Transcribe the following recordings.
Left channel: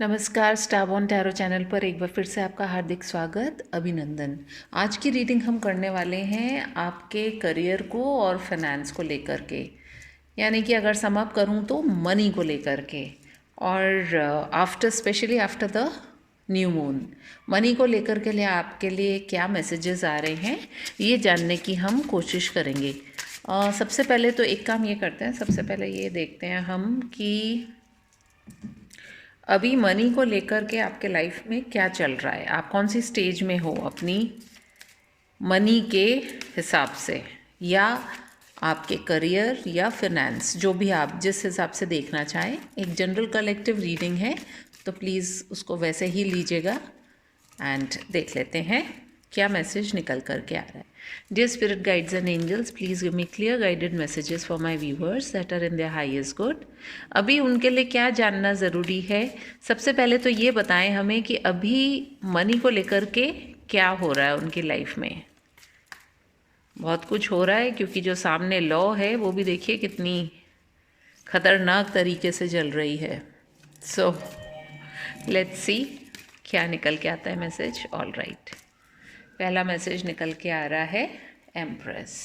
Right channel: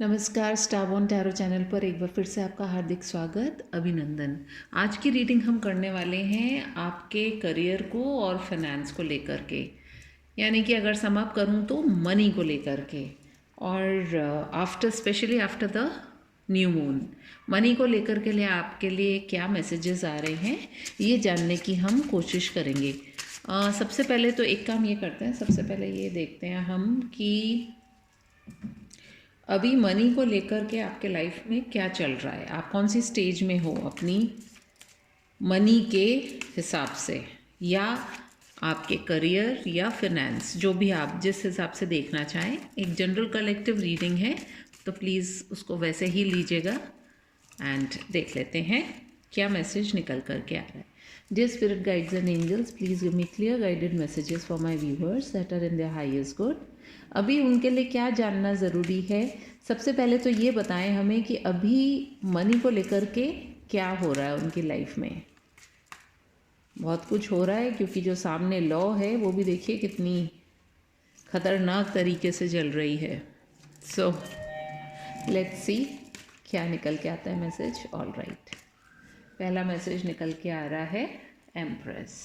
नमस्कार, स्टारबॉर्न tarot channel पर एक बार फिर से आपका हार्दिक स्वागत, अभिनंदन। आज की रीडिंग हम करने वाले हैं आपके करियर को और फाइनेंस को लेकर के, यानी कि अगर सम अप करूं तो मनी को लेकर के। और specially after the new moon, money को लेकर के लिए आपके लिए क्या मैसेजेस आ रहे हैं ये जानने की हम कोशिश करेंगे। सबसे पहले तो एक काम ये करते हैं, सबसे पहले ये देखते हैं हम कि अभी मनी को लेकर के आपके लाइफ में क्या चल रहा है, आप कौन सी स्टेज में हो अपनी मनी के हिसाब से, या आपके करियर या फिनेंस, जो भी आप जिस हिसाब से देखना चाहें। एक जनरल कलेक्टिव रीडिंग है तो प्लीज़ उसको वैसे ही लीजिएगा एंड देख लेते हैं क्या मैसेज निकल कर के आ रहा है। Dear spirit guides and angels, please give me clear guided messages for my viewers that are in their highest good. अभी उनके लिए क्या जानना ज़रूरी है? सबसे पहले तो ये बताएं हमें कि अभी मनी को लेकर के क्या हो रहा है उनकी लाइफ में। बहुत कुछ हो रहा है, क्योंकि जो सामने लॉ है वो भी देखिए कितनी खतरनाक तरीके से चल रही है। सो लेट्स सी क्या निकल के आता है मैसेज। ऑल राइट, पहला मैसेज निकल के आ रहा है एम्प्रेस।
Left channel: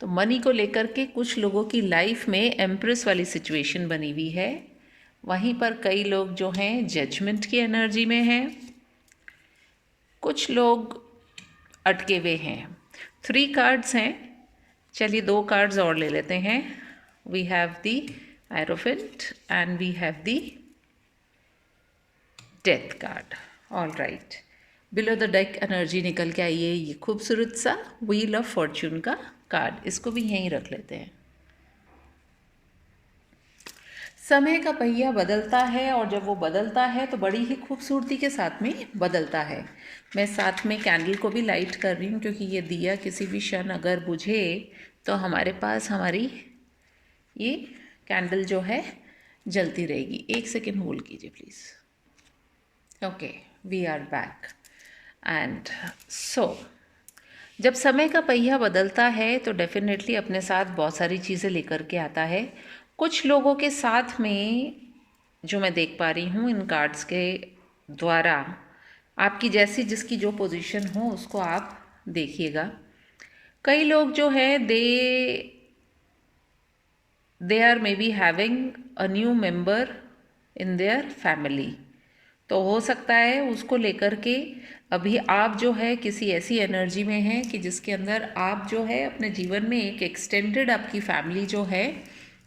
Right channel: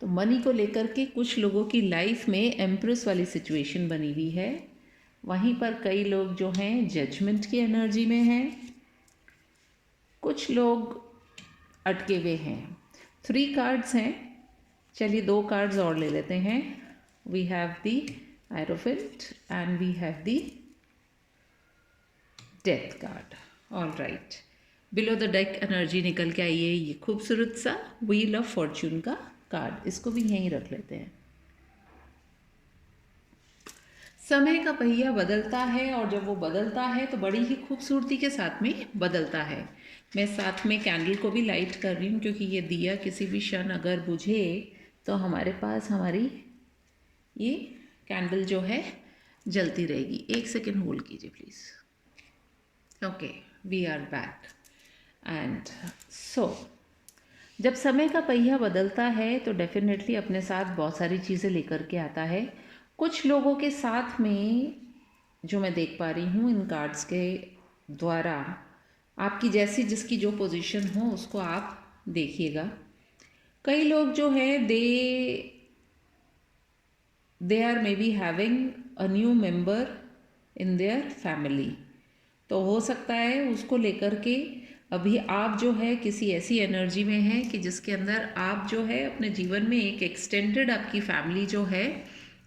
तो मनी को लेकर के कुछ लोगों की लाइफ में एम्प्रेस वाली सिचुएशन बनी हुई है। वहीं पर कई लोग जो हैं जजमेंट की एनर्जी में हैं, कुछ लोग अटके हुए हैं। 3 कार्ड्स हैं, चलिए 2 कार्ड्स और ले लेते हैं। We have the hierophant and we have the death card. All right, below the deck energy निकल के आई है ये खूबसूरत सा व्हील ऑफ फॉर्च्यून का कार्ड। इसको भी यहीं रख लेते हैं। समय का पहिया बदलता है, और जब वो बदलता है तो बड़ी ही खूबसूरती के साथ में बदलता है। मैं साथ में कैंडल को भी लाइट कर रही हूँ, क्योंकि ये दिया किसी भी क्षण अगर बुझे तो हमारे पास हमारी ये कैंडल जो है जलती रहेगी। 1 सेकेंड होल्ड कीजिए please. Okay, we are back. And so जब समय का पहिया बदलता है तो डेफिनेटली अपने साथ बहुत सारी चीज़ें लेकर के आता है। कुछ लोगों के साथ में जो मैं देख पा रही हूँ इन कार्ड्स के द्वारा, आपकी जैसी जिसकी जो पोजीशन हो उसको आप देखिएगा। कई लोग जो है they are maybe having a new member in their family. तो हो सकता है उसको लेकर के अभी आप जो है किसी ऐसी एनर्जी में हैं कि जिसके अंदर आप जो है अपने जीवन में एक एक्सटेंडेड आपकी फैमिली जो है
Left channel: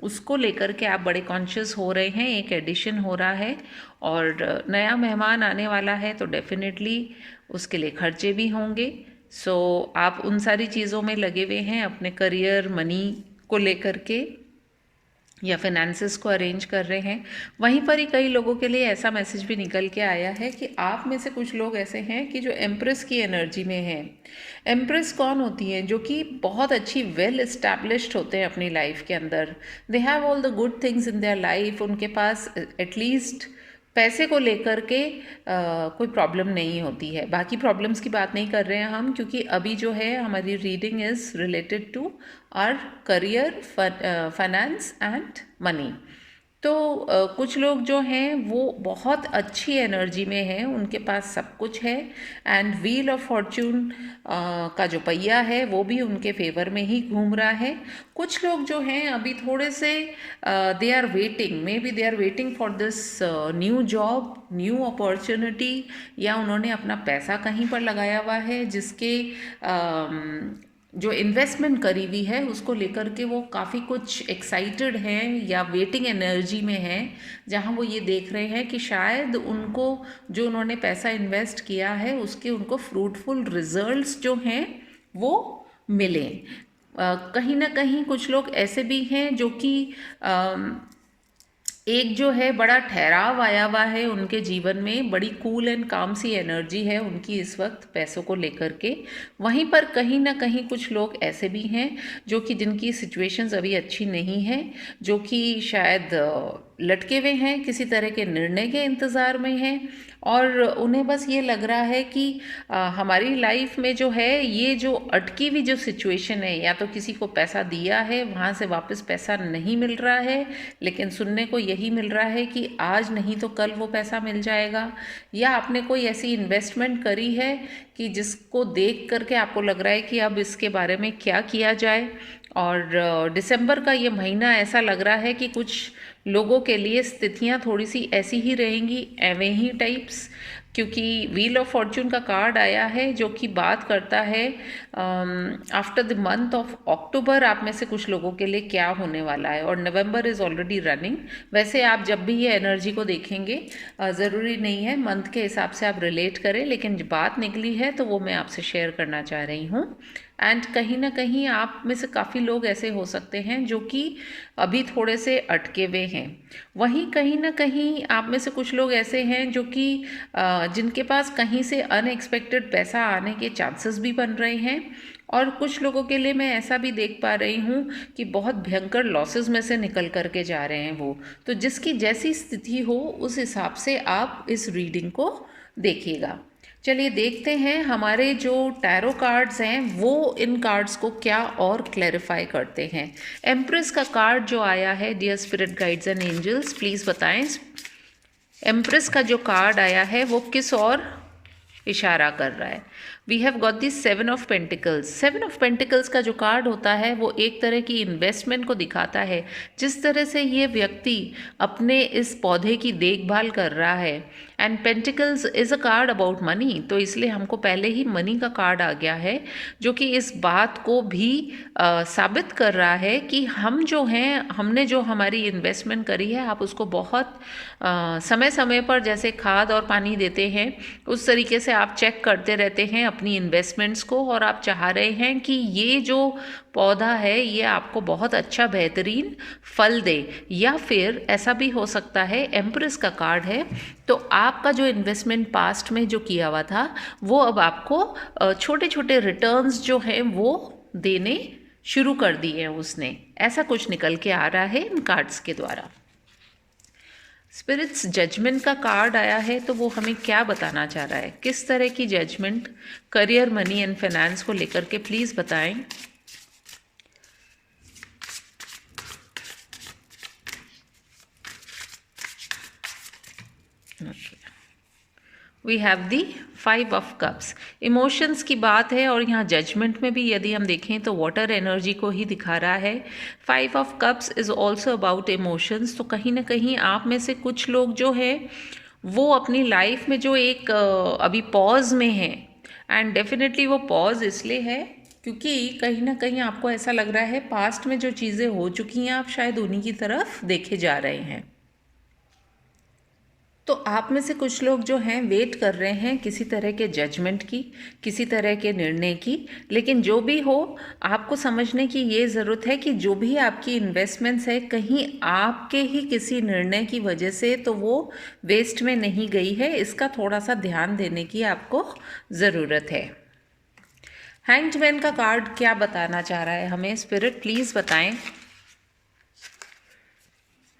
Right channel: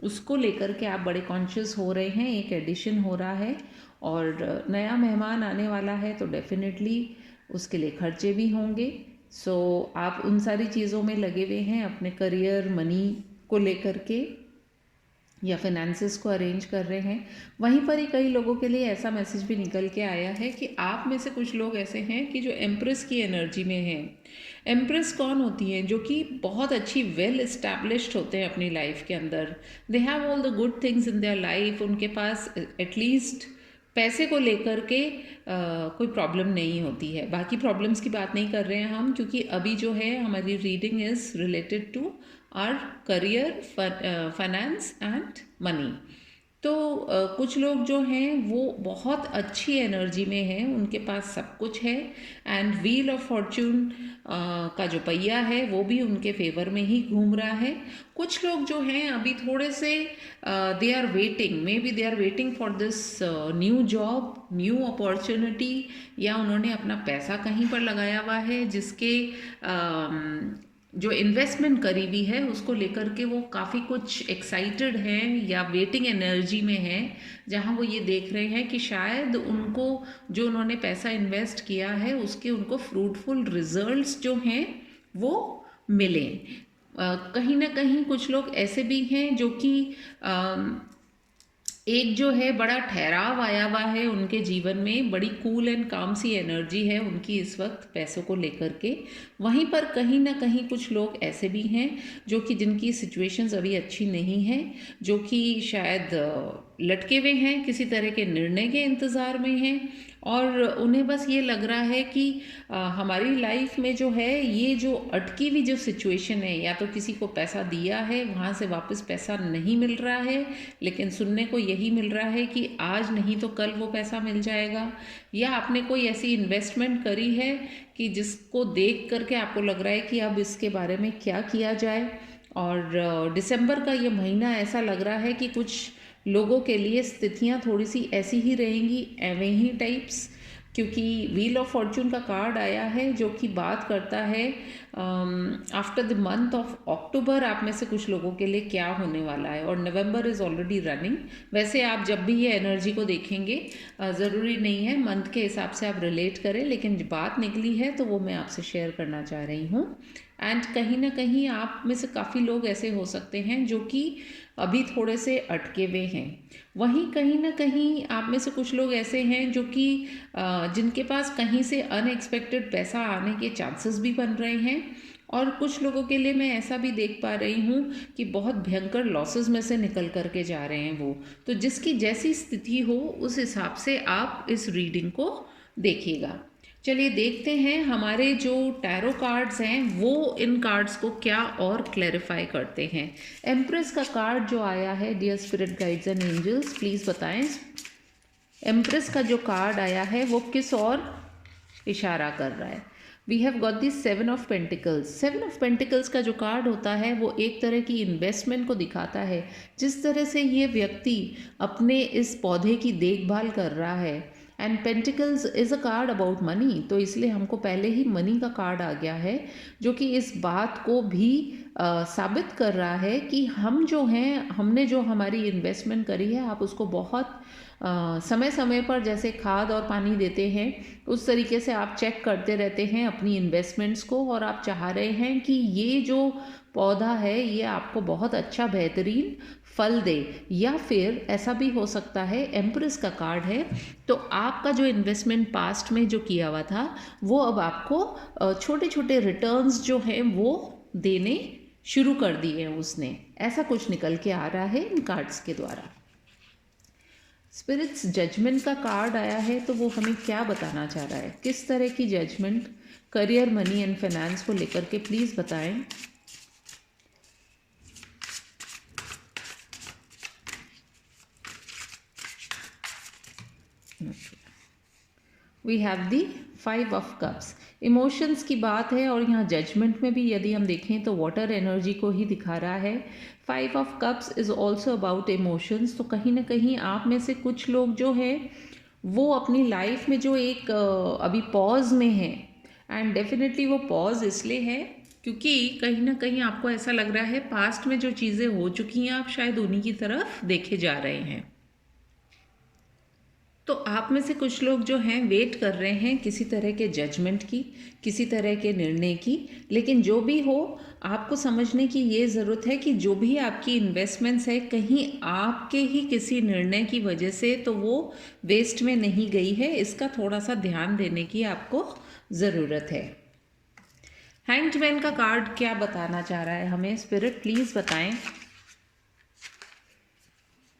उसको लेकर के आप बड़े कॉन्शियस हो रहे हैं। एक एडिशन हो रहा है और नया मेहमान आने वाला है, तो डेफिनेटली उसके लिए खर्चे भी होंगे। सो आप उन सारी चीज़ों में लगे हुए हैं, अपने करियर मनी को लेकर के या फाइनेंसेस को अरेंज कर रहे हैं। वहीं पर ही कई लोगों के लिए ऐसा मैसेज भी निकल के आया है कि आप में से कुछ लोग ऐसे हैं कि जो एम्प्रेस की एनर्जी में हैं। एम्प्रेस कौन होती हैं? जो कि बहुत अच्छी वेल इस्टेब्लिश्ड होते हैं अपनी लाइफ के अंदर। They have all the good things in their life. उनके पास एटलीस्ट पैसे को लेकर के कोई प्रॉब्लम नहीं होती है। बाकी प्रॉब्लम्स की बात नहीं कर रहे हैं हम, क्योंकि अभी जो है हमारी reading is related to our career, finance and money. तो कुछ लोग जो हैं वो बहुत अच्छी एनर्जी में हैं, उनके पास सब कुछ है। एंड व्हील ऑफ फॉर्च्यून का जो पहिया है वो भी उनके फेवर में ही घूम रहा है। कुछ लोग जो हैं अभी थोड़े से they are waiting, maybe they are waiting for this new job, new opportunity, या उन्होंने अपना पैसा कहीं पर लगाया हुआ है जिसके जो इन्वेस्टमेंट करी हुई है उसको लेकर के वो काफ़ी कुछ एक्साइटेड हैं या वेटिंग एनर्जी में हैं, जहां वो ये देख रहे हैं कि शायद उनको जो उन्होंने पैसा इन्वेस्ट किया है उसके उनको फ्रूटफुल रिजल्ट्स जो हैं वो मिलें। कहीं ना कहीं कुछ लोग ऐसे भी हैं जो कि एक जो है बड़ा ठहराव आया हुआ है उनके जीवन में, बड़ी कूल एंड काम सी एनर्जी है उनकी इस वक्त पैसों को लेकर के। वहीं पर कहीं ना कहीं कुछ लोग ऐसे भी हैं जो कि जिनकी सिचुएशंस अभी अच्छी नहीं हैं, जो कि शायद लटके हुए हैं, किसी तरह के निर्णय के इंतज़ार में हैं और उन्हें बस ये लग रहा है कि हमारी लाइफ में जो है ये जो अटकी हुई जो सिचुएशन है, या तो किसी को पैसा दिया है वहाँ से वापस पैसा नहीं मिल रहा है, लेकिन सुनने को यही मिल रहा है कि आज नहीं तो कल वो पैसा मिल जाएगा, या आपने कोई ऐसी इन्वेस्टमेंट करी है कि जिसको देख करके आपको लग रहा है कि अब इसके बारे में क्या किया जाए। और दिसंबर का ये महीना ऐसा लग रहा है कि कुछ लोगों के लिए स्थितियाँ थोड़ी सी ऐसी ही रहेंगी, एवं ही टाइप्स, क्योंकि व्हील ऑफ फॉर्चून का कार्ड आया है जो कि बात करता है after the month of October आप में से कुछ लोगों के लिए क्या होने वाला है, और नवंबर इज़ ऑलरेडी रनिंग। वैसे आप जब भी ये एनर्जी को देखेंगे ज़रूरी नहीं है मंथ के हिसाब से आप रिलेट करें, लेकिन बात निकली है तो वो मैं आपसे शेयर करना चाह रही हूँ। एंड कहीं ना कहीं आप में से काफ़ी लोग ऐसे हो सकते हैं जो कि अभी थोड़े से अटके हुए हैं। वहीं कहीं ना कहीं आप में से कुछ लोग ऐसे हैं जो कि जिनके पास कहीं से अनएक्सपेक्टेड पैसा आने के चांसेस भी बन रहे हैं, और कुछ लोगों के लिए मैं ऐसा भी देख पा रही हूँ कि बहुत भयंकर लॉसेस में से निकल करके जा रहे हैं वो। तो जिसकी जैसी स्थिति हो उस हिसाब से आप इस रीडिंग को देखिएगा। चलिए देखते हैं हमारे जो टैरो कार्ड्स हैं वो इन कार्ड्स को क्या और क्लैरिफाई करते हैं। एम्प्रेस का कार्ड जो आया है, dear spirit guides and angels please बताएं एम्प्रेस का जो कार्ड आया है वो किस और इशारा कर रहा है। We have got the 7 of pentacles. 7 of pentacles का जो कार्ड होता है वो एक तरह की इन्वेस्टमेंट को दिखाता है। जिस तरह से ये व्यक्ति अपने इस पौधे की देखभाल कर रहा है, and pentacles is a card about money, तो इसलिए हमको पहले ही मनी का कार्ड आ गया है जो कि इस बात को भी साबित कर रहा है कि हम जो हैं, हमने जो हमारी इन्वेस्टमेंट करी है आप उसको बहुत समय समय पर जैसे खाद और पानी देते हैं उस तरीके से आप चेक करते रहते हैं अपनी इन्वेस्टमेंट्स को, और आप चाह रहे हैं कि ये जो पौधा है ये आपको बहुत अच्छा बेहतरीन फल दे। या फिर ऐसा भी हो सकता है, एम्प्रेस का कार्ड है तो आपका जो इन्वेस्टमेंट पास्ट में जो किया हुआ था वो अब आपको छोटे छोटे रिटर्न्स जो हैं वो देने शुरू कर दिए हैं उसने, ऐसा कुछ निकल के आ रहा है इन कार्ड्स के द्वारा। स्पिरिट्स जजमेंट का कार्ड आया है तो वो हमें क्या बताना चाह रहा है, किस तरह की judgement career, money and finance को लेकर के प्लीज़ बताएं। We have the 5 of cups. Emotions की बात है और यहाँ जजमेंट में भी यदि हम देखें तो वाटर एनर्जी को ही दिखा रहा है। 5 of cups is also about emotions. तो कहीं ना कहीं आप में से कुछ लोग जो है वो अपनी लाइफ में जो एक अभी पॉज में है, एंड डेफिनेटली वो पॉज इसलिए है क्योंकि कहीं ना कहीं आपको ऐसा लग रहा है पास्ट में जो चीज़ें हो चुकी हैं आप शायद उन्हीं की तरफ देखे जा रहे हैं। तो आप में से कुछ लोग जो हैं वेट कर रहे हैं किसी तरह के जजमेंट की, किसी तरह के निर्णय की, लेकिन जो भी हो आपको समझने की ये ज़रूरत है कि जो भी आपकी इन्वेस्टमेंट्स है कहीं आपके ही किसी निर्णय की वजह से तो वो वेस्ट में नहीं गई है, इसका थोड़ा सा ध्यान देने की आपको ज़रूरत है। हैंग्ड मैन का कार्ड क्या बताना चाह रहा है हमें, स्पिरिट प्लीज़ बताएं।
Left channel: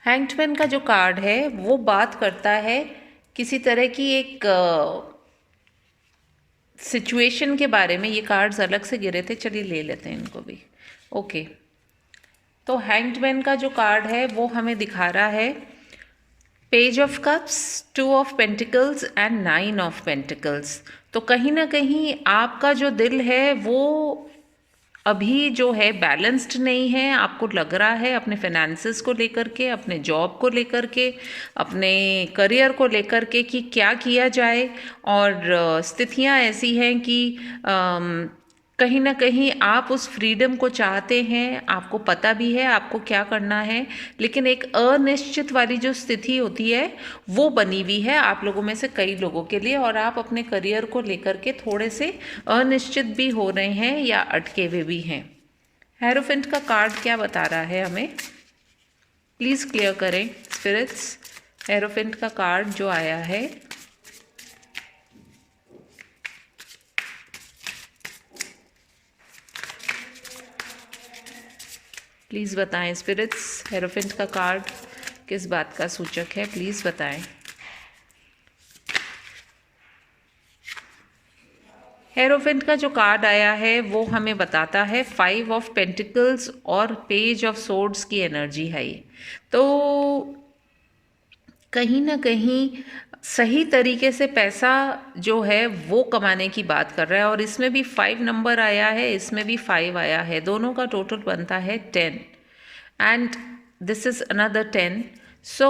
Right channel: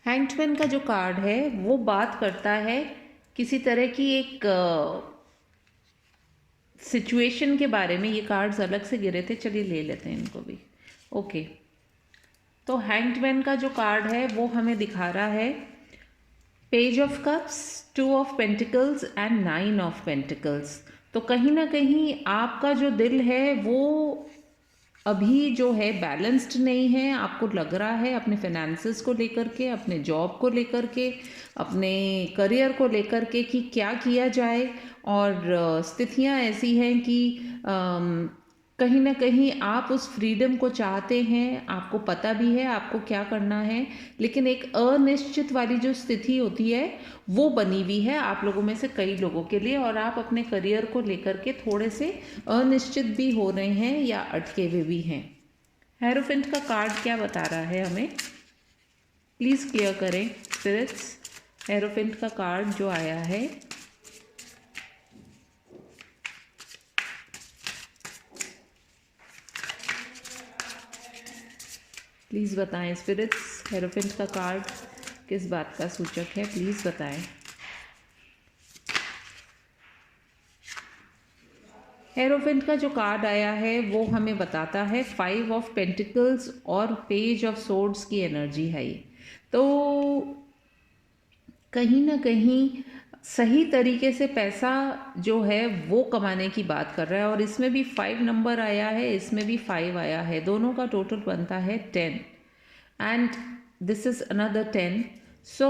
हैंग्ड मैन का जो कार्ड है वो बात करता है किसी तरह की एक सिचुएशन के बारे में। ये कार्ड्स अलग से गिरे थे, चलिए ले लेते हैं इनको भी। ओके, तो हैंग्ड मैन का जो कार्ड है वो हमें दिखा रहा है page of cups, 2 of pentacles and 9 of pentacles. तो कहीं ना कहीं आपका जो दिल है वो अभी जो है बैलेंस्ड नहीं है। आपको लग रहा है अपने फाइनेंसेस को लेकर के, अपने जॉब को लेकर के, अपने करियर को लेकर के कि क्या किया जाए, और स्थितियां ऐसी हैं कि कहीं ना कहीं आप उस फ्रीडम को चाहते हैं, आपको पता भी है आपको क्या करना है, लेकिन एक अनिश्चित वाली जो स्थिति होती है वो बनी हुई है आप लोगों में से कई लोगों के लिए, और आप अपने करियर को लेकर के थोड़े से अनिश्चित भी हो रहे हैं या अटके हुए भी हैं। हेरोफेंट का कार्ड क्या बता रहा है हमें, प्लीज़ क्लियर करें स्पिरिट्स। हेरोफेंट का कार्ड जो आया है प्लीज़ बताएं स्पिरिट्स। हेरोफेंट का कार्ड किस बात का सूचक है, प्लीज़ बताएं। हेरोफेंट का जो कार्ड आया है वो हमें बताता है 5 ऑफ पेंटिकल्स और पेज ऑफ सोर्ड्स की एनर्जी है ये। तो कहीं ना कहीं सही तरीके से पैसा जो है वो कमाने की बात कर रहा है, और इसमें भी 5 नंबर आया है, इसमें भी 5 आया है, दोनों का टोटल बनता है 10 and this is another 10, so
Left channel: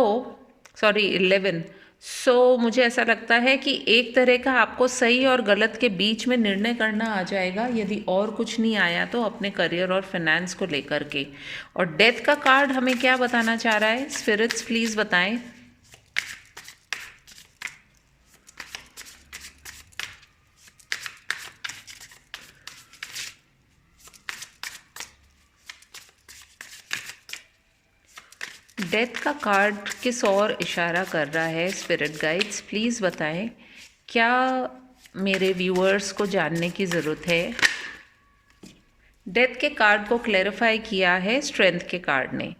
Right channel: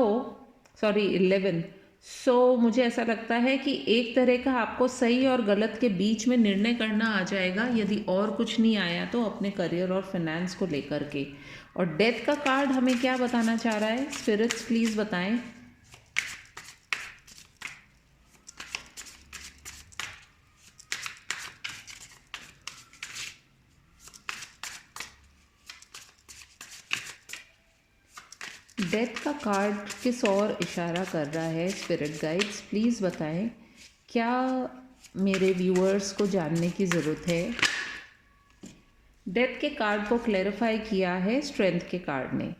sorry 11। सो मुझे ऐसा लगता है कि एक तरह का आपको सही और गलत के बीच में निर्णय करना आ जाएगा, यदि और कुछ नहीं आया तो अपने करियर और फाइनेंस को लेकर के। और डेथ का कार्ड हमें क्या बताना चाह रहा है, स्पिरिट्स प्लीज़ बताएं। डेथ का कार्ड किस ओर इशारा कर रहा है, स्पिरिट गाइड्स प्लीज़ बताएं। क्या मेरे व्यूअर्स को जानने की ज़रूरत है। डेथ के कार्ड को क्लैरिफाई किया है स्ट्रेंथ के कार्ड ने।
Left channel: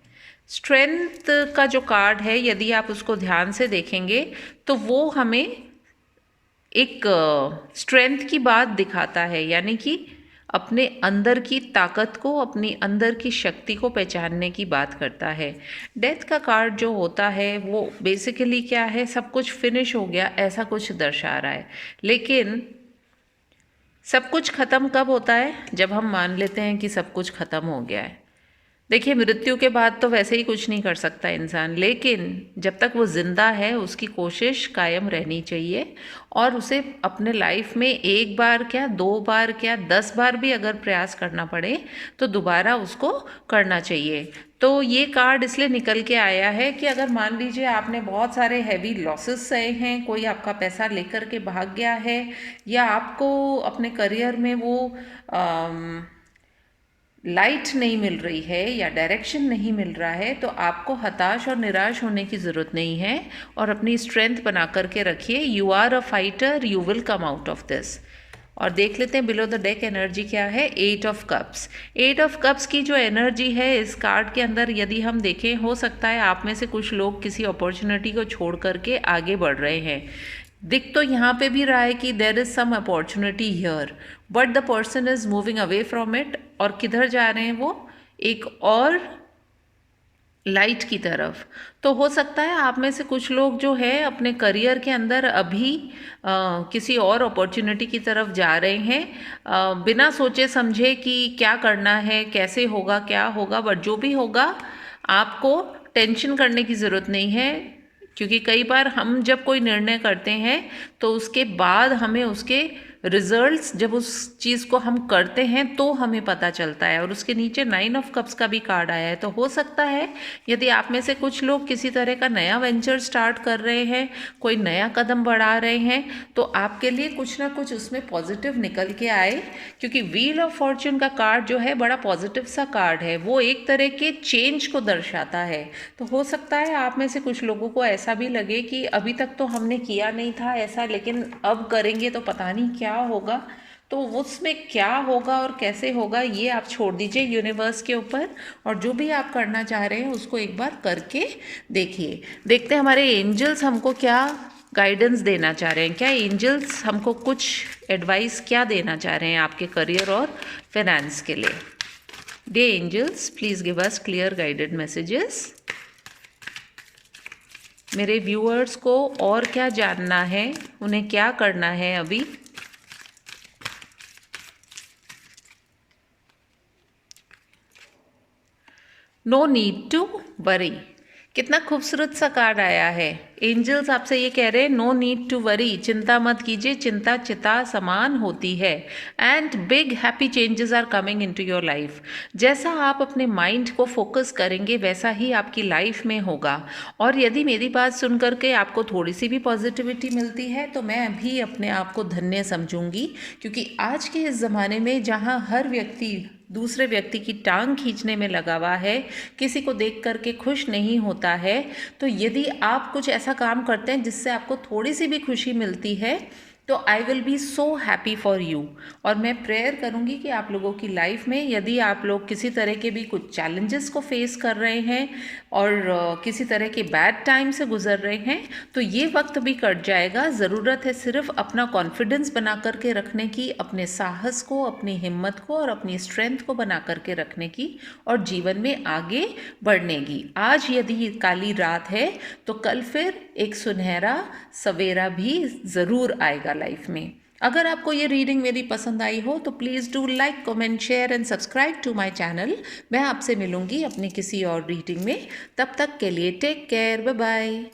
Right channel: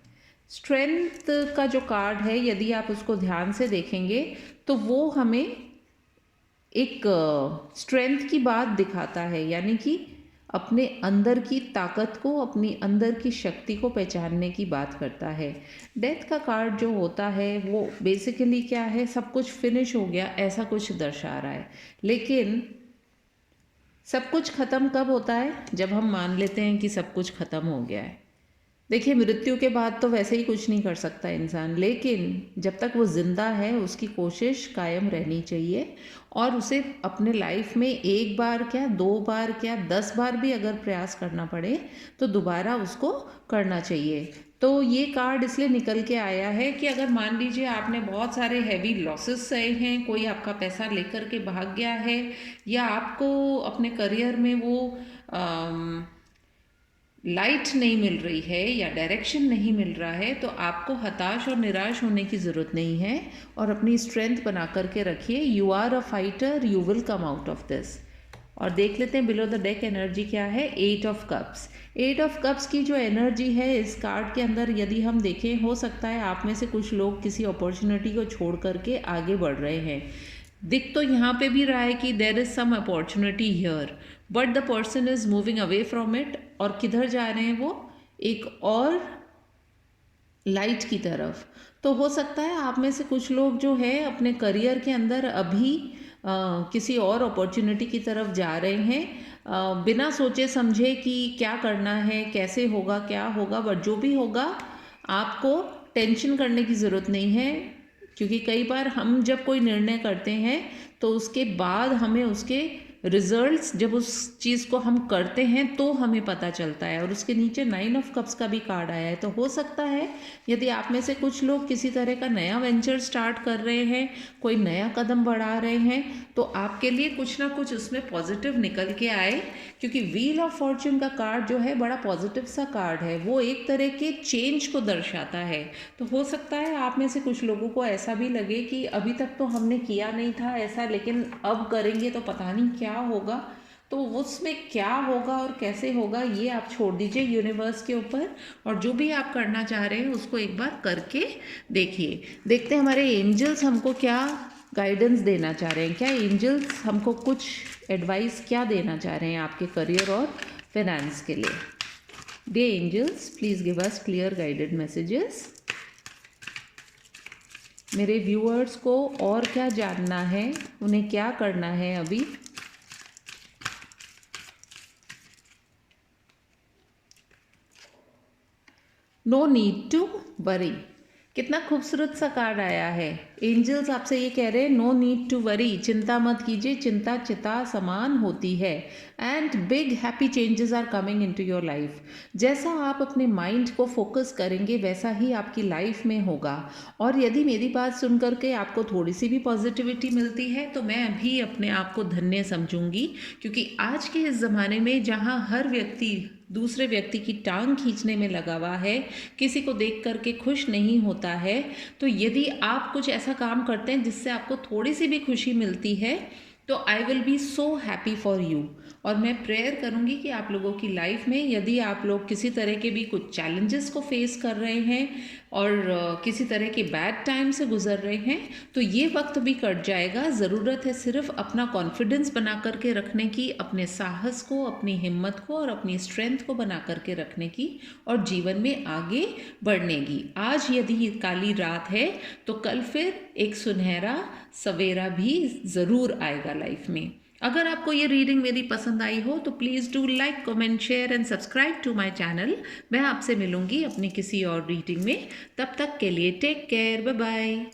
स्ट्रेंथ का जो कार्ड है, यदि आप उसको ध्यान से देखेंगे तो वो हमें एक स्ट्रेंथ की बात दिखाता है, यानी कि अपने अंदर की ताकत को, अपनी अंदर की शक्ति को पहचानने की बात करता है। डेथ का कार्ड जो होता है वो बेसिकली क्या है, सब कुछ फिनिश हो गया ऐसा कुछ दर्शा रहा है। लेकिन सब कुछ ख़त्म कब होता है, जब हम मान लेते हैं कि सब कुछ ख़त्म हो गया है। देखिए, मृत्यु के बाद तो वैसे ही कुछ नहीं कर सकता इंसान, लेकिन जब तक वो ज़िंदा है उसकी कोशिश कायम रहनी चाहिए, और उसे अपने लाइफ में एक बार क्या, 2 बार क्या, 10 बार भी अगर प्रयास करना पड़े तो दोबारा उसको करना चाहिए। तो ये कार्ड इसलिए निकल के आया है कि अगर मान लीजिए आपने बहुत सारे हैवी लॉसेस सहे हैं, कोई आपका पैसा लेकर के भाग गया है, या आपको अपने करियर में वो लाइट नहीं मिल रही है या डायरेक्शन नहीं मिल रहा है, तो आपको हताश और निराश होने की ज़रूरत नहीं है, और अपनी स्ट्रेंथ बना करके रखिए। You are a fighter, you will come out of this. और देख लेते हैं बिलो द डेक एनर्जी क्या है। 8 ऑफ कप्स। 8 ऑफ कप्स की जो एनर्जी है इस कार्ड के अंदर, यदि हम देखें, हो सकता है आप में से कुछ लोग किसी अपॉर्चुनिटी को छोड़ करके आगे बढ़ रहे हैं। दिख तो यहाँ पे भी रहा है कि there is some opportunity here, but the person is moving away from it. और किधर जा रहे हैं वो, एक और लाइट की तरफ। तो हो सकता है आप में से कुछ लोग जो है अपने करियर के अंदर अभी किसी और अपॉर्चुनिटी की तरफ जा रहे हैं, बिना सोचे समझे कि क्या करना है, कैसे होगा, क्या होगा, बट जो भी होगा आपको टेंशन करने की ज़रूरत नहीं है, क्योंकि कई बार हम जब कोई निर्णय करते हैं तो उसके बाद हमें उसके रिजल्ट्स, जब उस चीज़ को हम करते हैं तो हमें पता चलता है। और उसके नीचे 9 ऑफ कप्स का भी कार्ड आया है। तो हो सकता है यदि आप में से कुछ लोग किसी तरह का नया वेंचर स्टार्ट कर रहे हैं, कोई नया कदम बढ़ा रहे हैं, तो आपके लिए कुछ ना कुछ उसमें पॉजिटिव निकल के आए, क्योंकि व्हील ऑफ फॉर्च्यून का कार्ड जो है बड़ा पॉजिटिव सा कार्ड है, वो एक तरह के चेंज को दर्शाता है। तो हो सकता है आप में से कुछ लोगों को ऐसा भी लगे कि अभी तक तो हमने किया नहीं था ऐसा, लेकिन अब करेंगे तो पता नहीं क्या होगा। तो उसमें क्या होगा और कैसे होगा ये आप छोड़ दीजिए यूनिवर्स के ऊपर, और जो भी आप करना चाह रहे हैं उसको एक बार करके देखिए। देखते हैं हमारे एंजल्स हमको क्या गाइडेंस देना चाह रहे हैं, क्या एंजल्स हमको कुछ एडवाइस क्या देना चाह रहे हैं आपके करियर और फाइनेंस के लिए। The angels please give us clear guided messages. मेरे व्यूअर्स को और क्या जानना है, उन्हें क्या करना है अभी। No need to worry. कितना खूबसूरत सा कार्ड आया है। एंजल्स आपसे ये कह रहे हैं, नो नीड टू वरी, चिंता मत कीजिए, चिंता चिता समान होती है। And big happy changes are coming into your life. जैसा आप अपने माइंड को फोकस करेंगे वैसा ही आपकी लाइफ में होगा। और यदि मेरी बात सुन करके आपको थोड़ी सी भी पॉजिटिविटी मिलती है तो मैं भी अपने आप को धन्य समझूंगी, क्योंकि आज के इस ज़माने में जहाँ हर व्यक्ति दूसरे व्यक्ति की टांग खींचने में लगा हुआ है, किसी को देख करके खुश नहीं होता है, तो यदि आप कुछ ऐसा काम करते हैं जिससे आपको थोड़ी सी भी खुशी मिलती है तो I will be so happy for you. और मैं प्रेयर करूँगी कि आप लोगों की लाइफ में यदि आप लोग किसी तरह के भी कुछ चैलेंजेस को फेस कर रहे हैं और किसी तरह के बैड टाइम से गुजर रहे हैं, तो ये वक्त भी कट जाएगा। ज़रूरत है सिर्फ अपना कॉन्फिडेंस बना करके रखने की, अपने साहस को, अपनी हिम्मत को और अपनी स्ट्रेंथ को बना करके रखने की और जीवन में आगे बढ़ने की। आज यदि काली रात है तो कल फिर एक सुनहरा सवेरा भी ज़रूर आएगा लाइफ में। अगर आपको ये रीडिंग मेरी पसंद आई हो तो please do like, comment, share and subscribe to my channel. मैं आपसे मिलूँगी अपनी किसी और रीडिंग में। तब तक के लिए टेक केयर, बाय बाय।